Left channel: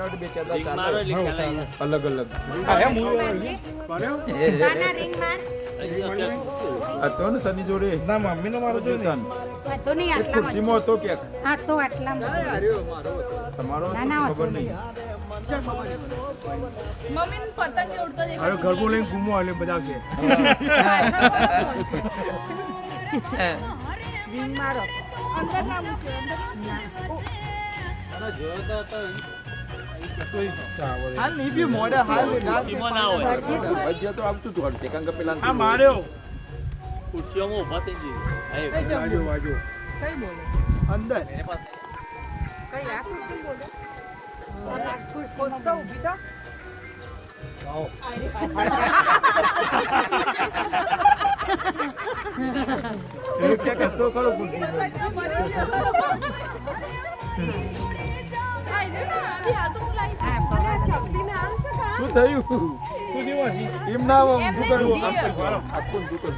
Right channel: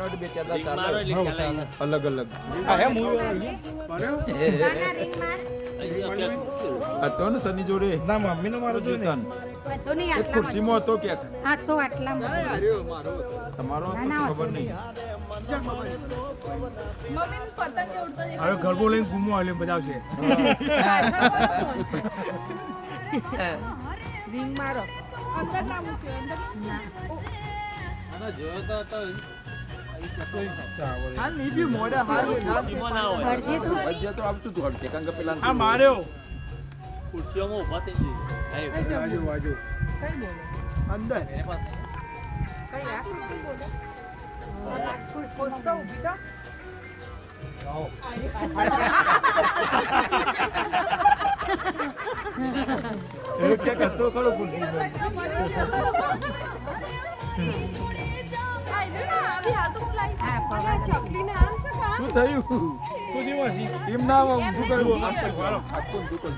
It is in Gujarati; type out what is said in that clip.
લેવાનો એટલે બે ચાર દાડા ચાલે. અલગ અલગ આ તો ને સની જોડે ના મમ્મી ને મારો જોડે ને તો નહીં એક ખુરશીમાં હતો કે હા તો આટલામાં તમારો ના ના ખબર નહીં. અરે ગરબો લઈને ઘૂમો આલે બધા છે રીંગ મારો અંદર ના મૂક્યો અંદર ના હજી તો આવતું હતું હડકે કારણ કે પેલા આ માર્યો ખુરશીઓમાં ઊભા થઈ જઈએ વાજો વાજો કઈ બોલે અંદર કઈ આ ખુરશી બોલે ખુરશી તો ઊભી તો એ કે કતો ખરો ખુરશી હા પવાડ શું થયું શું દેવાસી એમ ના આખું દુકાન